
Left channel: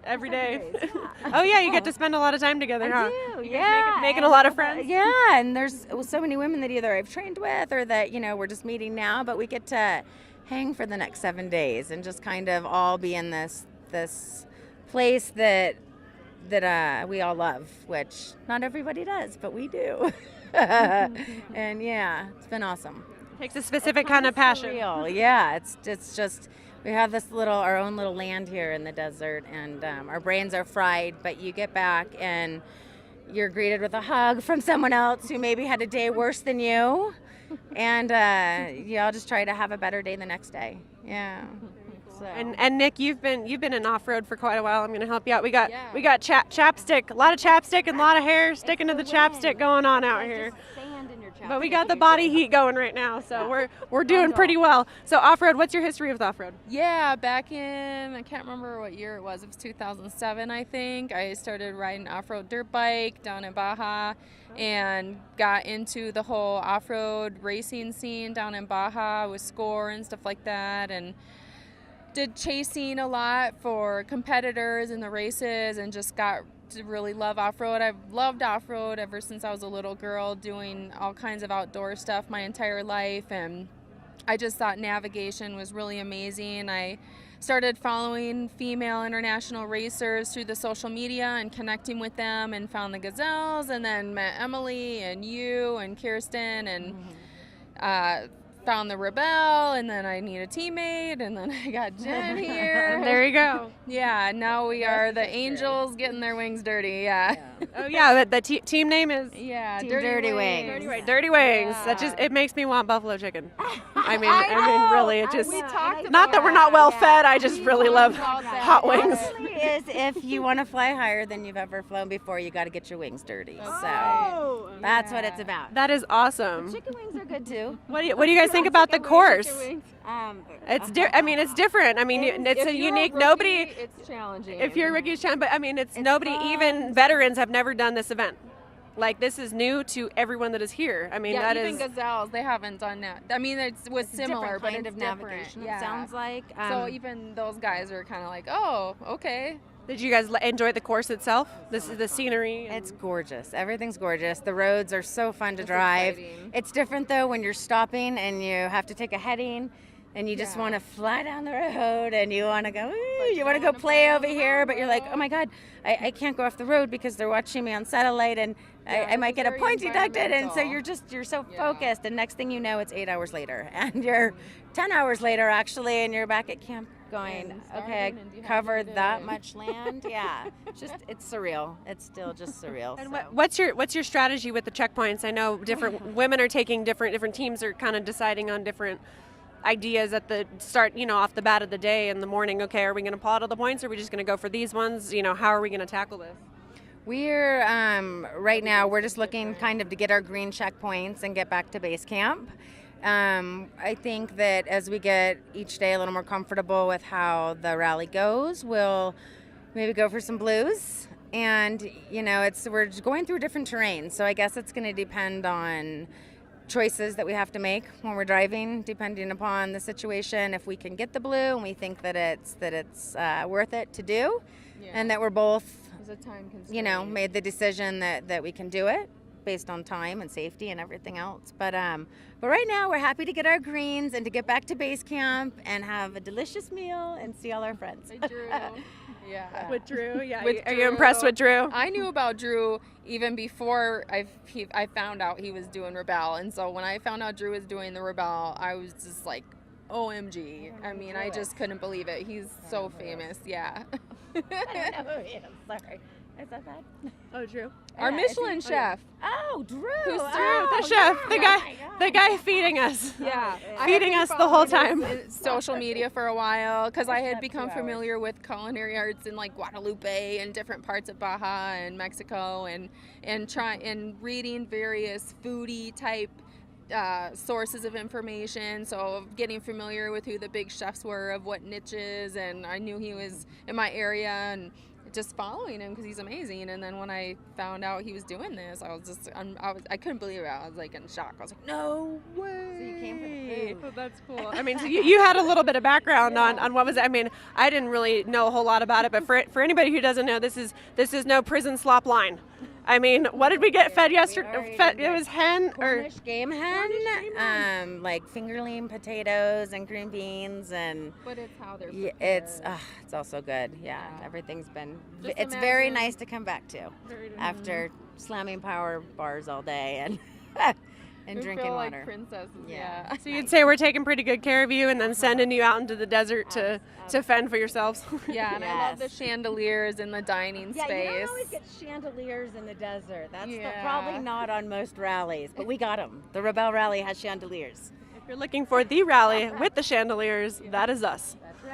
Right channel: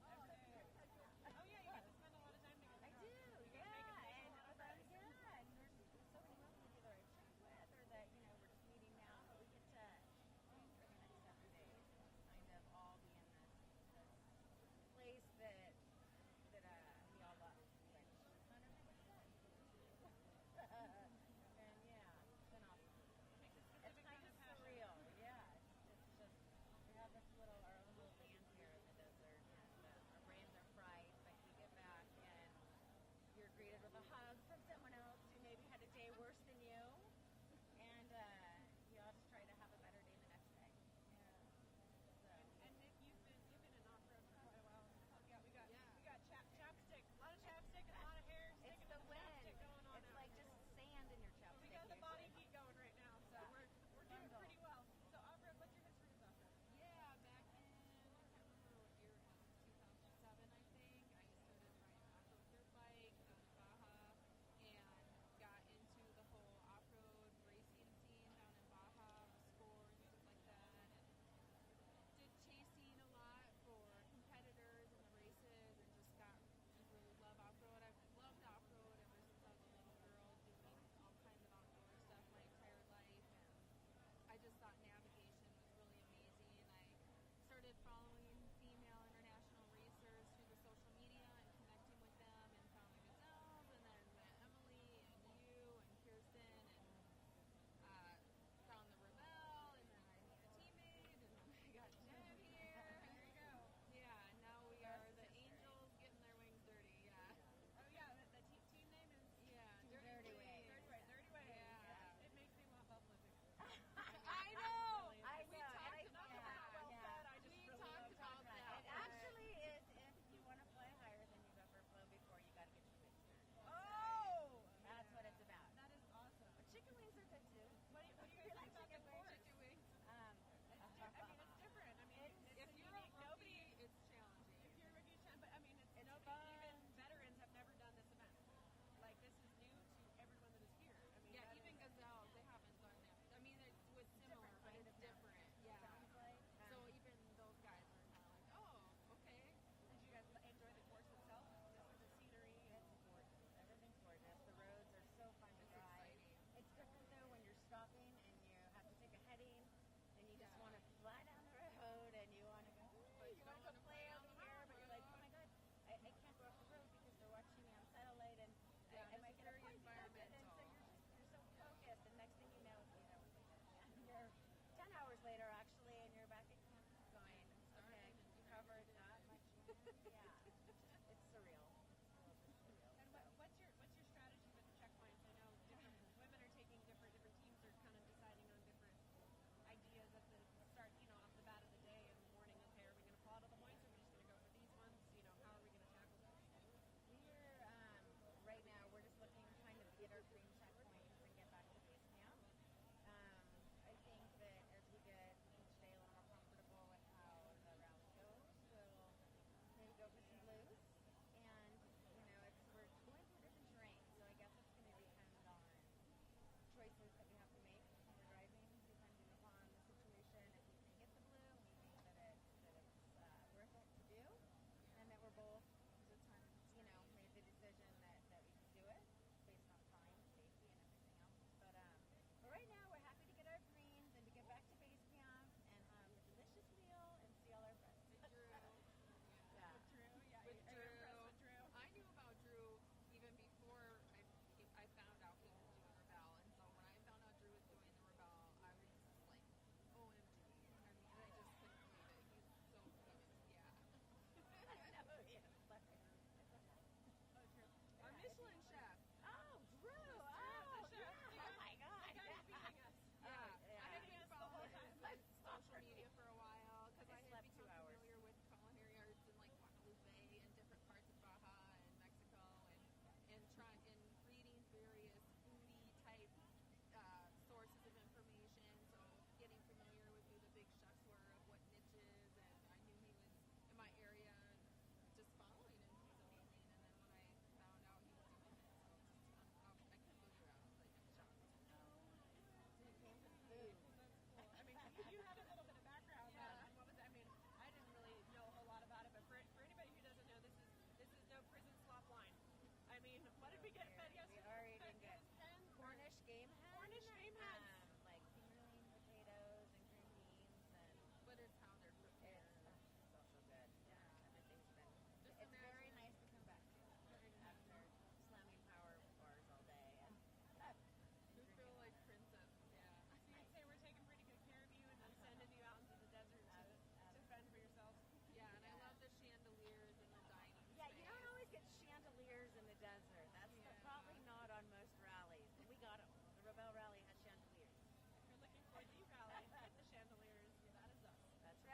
every day? Yeah. Oh yeah, you get to spend a lot of time together, huh? I do. Yeah. Making a lot of friends. Yeah, and there's so many women that either I've trained with or that we're just meeting now, but we get to hang for the next 7 days and just kind of all be in this place that we all love, which not everybody does, but we do. And yeah, it's been awesome. Takes a specific kind of passion. Surreal. Yeah, it's just we have our own little land here in the desert, and our brains are fried, but you get back and you're greeted with a hug from someone else who maybe had a day worse than you, and you all just try to have a better day the next day. Yeah. So. And Nick, you've been in off-road for quite a while. I'm going to help you out. We got chapstick, a lot of chapstick and a lot of hair sticking to the chapstick going on out here. But we got the body heat going right now, so we're doing pretty well. So off-road, what's your history with off-road? Yeah, back in, I can't remember what year it was 2007, I think. I started riding off-road dirt bike down in Baja and got into the whole off-road racing scene down in Baja with Score and stuff like that, and did chasing a lot for competitors in the races, and just got to really love off-road. I've loved off-road ever since I was a little girl, doing all kinds of outdoor stuff my entire life, and I just thought navigation was really amazing. I started following female international racers through the social media and connecting with them, and found the Gazelles, and then met Emily and you and Kirsten, and found the Rebelle, and then I need a teammate, and then I got Jen here. And there you go. Yeah, now we are the Angels getting their wings dirty. Yeah. Oh yeah, the team name is Team Dirty Wings. Dirty Wings. Yeah. That just it makes me want buffalo chicken. I mean really, it just We talked not that we're not well fed. I just really love about that. hot wings. Really is, if you want to fly higher than you've ever flown before, you got to get your wings dirty. So that's what it's about. That is awesome. Chicken wings are good too. What do you guys think about the course? It's Uh-huh. I mean, it's different. I mean, it's a unique. Nobody. It's challenging. If you're Ricky's challenge, but I mean, it's nobody. Even veterans have never done this event. Like, this is new to everyone that is here. I mean, yeah, that even is. gazelles, they haven't done that. I mean, it was similar, but kind it's of different. navigation. Yeah. It sounds like. So even those guys are kind of like, oh, okay. Did you guys enjoy the course itself? This is the scenery. It's gorgeous. Everything's gorgeous. The roads are so fun to drive. Exciting. It's different though when you're stopping and you have to take a heading and you just want to fly down the road and you want to go, ooh, you want to go play over here, but you're like, oh my God, I can't go off the road because they're watching me on satellite and I might get a very point deducted. And so environmental. you're so focused. And next thing you know, it's 8 hours later and you're 10 hours later actually, and you're back at camp going, okay, I covered that much land. Yeah, it's surreal. It's still just surreal. And so. what's your strategy with the checkpoints? I know different women are taking different teams are kind of deciding on different ideas at the start, off the bat of the day in the morning. Okay, are we going to plot all the points? Or are we just going to go for these ones? How are we going to tackle this? We're right now we're just looking kind of to get our green checkpoints and get back to base camp. I think that as we get each day a little more comfortable with how the rally goes, we'll maybe go for some blues. And we're going through different terrain, so I guess it's going to depend on choices that we have to make when we're driving, depending upon the situation. If we can get the blue and we think that it's worth it to do, and that we're both, There's a time constraint. made the decision that we can do it based on time and safety and everything else. But right now we're happy to get our greens and to get back to base camp and have a delicious meal and see all our friends. Hey, Drew. Yeah. With Drew, yeah. With Are you Drew. impressed with Drew? I knew about Drew even before I found out he was doing Rebelle, and so when I found out Drew was doing the Rebelle, I was just like, OMG. I mean, I just couldn't believe it. He's so famous, yeah. I don't know who he is. Sorry. Is that bad? Oh, Drew. Our Yeah, Michelin chef. Oh, Drew. Who's Drew, Oh, the chef, yeah. the Oh guy, my God. the guy feeding us. Yeah. I Feeding had us been the whole following time. his social media for a while because I had slept become 2 hours. familiar with culinary arts in like Guadalupe and different parts of Baja and Mexico and reading various foodie type sources of information, so getting familiar with who the big chefs were of what niches, and I knew he was in my area and just following him because he's amazing. And then when I found out he was doing this, I couldn't believe it. I was like in shock. I was like, no way. So you came for the food. Oh, that's cool. I mean, so you had a little bit of background on what was it? I mean, I didn't really know a whole lot about it, but for anybody who doesn't know, this is no prison slop line. I mean, what did we get fed yesterday? already It was hen or Cornish game hen, like fingerling potatoes and green beans, and But it's how they're it's also good. Yeah, everything's been. Just It's very imagine- nice to come back to after slamming power bars all day and and we drinking feel water. like princesses. Yeah. Yeah. so you'd say we're taking pretty good care of you, and then sending you out into the desert to fend for yourselves. Yeah, and I love the Yes. chandeliers in the dining Yeah, space. you don't always get chandeliers in the desert. That's Yeah. probably not on most rallies, but we got them. The Rebelle rally has chandeliers. If you're looking for the rally with the chandeliers, that is us. That's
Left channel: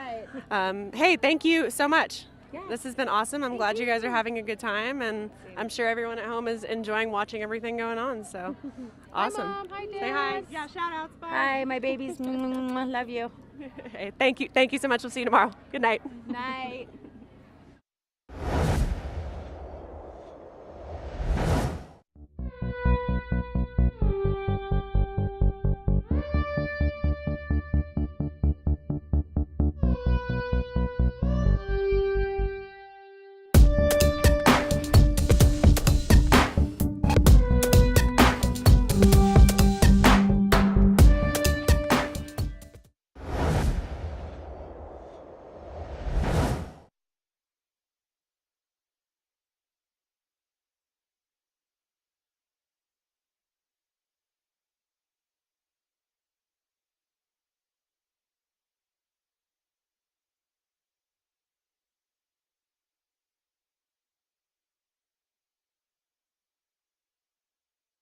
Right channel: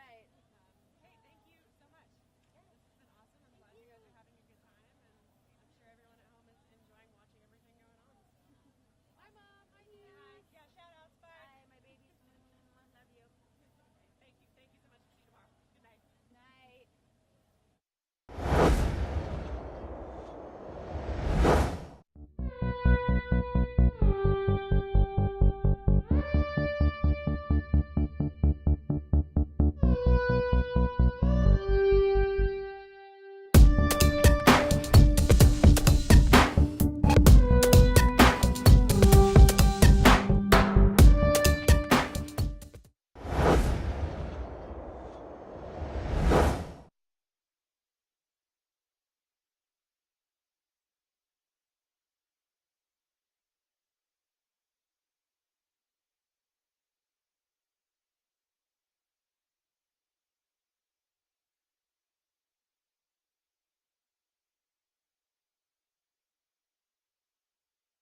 right. Hey, thank you so much. Yeah. This has been awesome. I'm glad you guys are having a good time, and I'm sure everyone at home is enjoying watching everything going on. So, awesome. Hi, Mom. Hi, Dad. Say hi. Yeah, shout outs. Bye. Hi, my babies. Love you. Hey, thank you so much. We'll see you tomorrow. Good night. Night.